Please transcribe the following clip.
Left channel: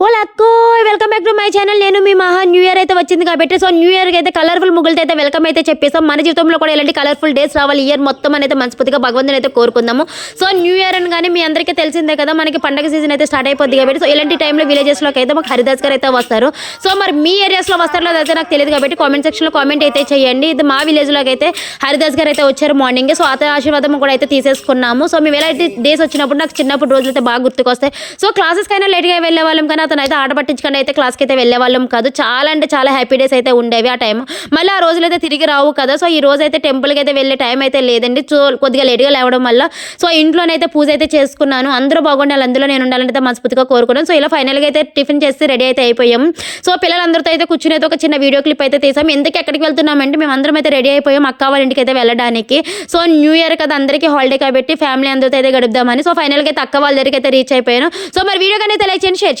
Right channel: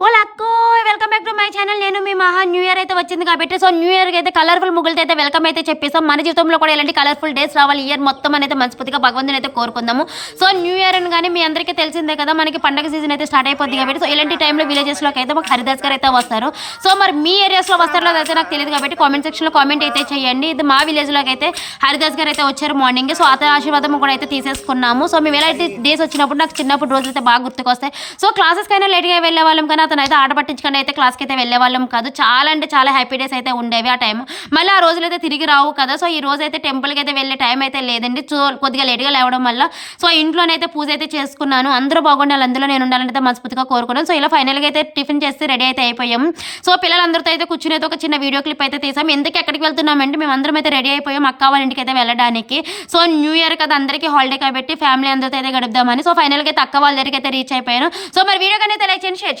వాళ్ళ అక్కో welcome back to my channel. నేను మీ మహా న్యూ ఇయర్ అయితే వచ్చింది కాబట్టి సో న్యూ ఇయర్కి అయితే కలర్ఫుల్ ముగ్గులతో అయితే వెల్కమ్ అయితే చెప్పేసాం. మన జీవితంలో కూడా ఇలాంటి కలర్ఫుల్ డేస్ రావాలి ఇయర్ మొత్తం అనేది మనస్ఫూర్తిగా భగవంతుని అయితే కోరుకుందాము. సో న్యూ ఇయర్ అని కానీ మీ అందరికీ తెలిసిందే కదా, మనకి పండగ సీజన్ అయితే స్టార్ట్ అయిపోద్ది కాబట్టి సో ఇలాంటి టైంలో విలేజెస్లోకి అయితే మాకు హరిదాస్ గారు అయితే వస్తారు. సో మరి మీ ఏరియాస్లో వస్తారో అయితే నాకు తెలియదు కాబట్టి కామెంట్ సెక్షన్లో కామెంట్ అయితే చేయండి. ఇది మా విలేజ్లోకి అయితే హరిదాస్ గారు అయితే వచ్చారు మార్నింగ్. సో అతని ఆశీర్వాదం కూడా అయితే తీసేసుకున్నాము. సో మేము ఎలాంటి డేస్ వచ్చినప్పుడు నాకు చిన్నప్పుడు రోజులు అయితే బాగా గుర్తుకొస్తాయి. సో క్లాసెస్కైనా లేట్గా వెళ్ళే వాళ్ళం కానీ అతను అయితే ఆట పట్టించుకొని అయితే క్లాస్కి అయితే వెళ్ళే వాళ్ళం కాదు. చాలా అంటే చాలా హ్యాపీ డేస్ అయితే ఉండేవి ఆ టైం. మళ్ళీ ఆ రోజులు అయితే తిరిగి రావు కదా. సో ఈ రోజు అయితే టెంపుల్కి అయితే వెళ్ళే టైం అయితే లేదండి. సో కొద్దిగా లేట్గా లేవడం వల్ల సో ఇంట్లోనైతే పూజ అయితే చేసుకున్నాను. అందరూ బాగుండాలి, అందులో నేను ఉండాలని అయితే మనస్ఫూర్తిగా కోరుకున్నాను. సో ఇలా ఫైనల్గా అయితే టిఫిన్ చేసి రెడీ అయితే అయిపోయాం. సో పిల్లలందరితో అయితే కూర్చుని అయితే ఒక చిన్న వీడియో క్లిప్ అయితే తీసాం. ఎందుకు ఎక్కడికి వెళ్తున్నామంటే మేము అందరం అయితే రెడీ అయిపోయాం అక్క వాళ్ళ ఇంటికి అయితే వెళ్ళడానికి. సో న్యూ ఇయర్ కదా, అందరికీ హాలిడే కాబట్టి ఫ్యామిలీ అందరితో అయితే గడుపుదామని. సో ఫైనల్గా అయితే అక్క వాళ్ళ దగ్గరికి అయితే రీచ్ అయిపోయాను. సో మరి వీడియో కానీ అయితే లైక్ చేయండి, షేర్ చేయండి.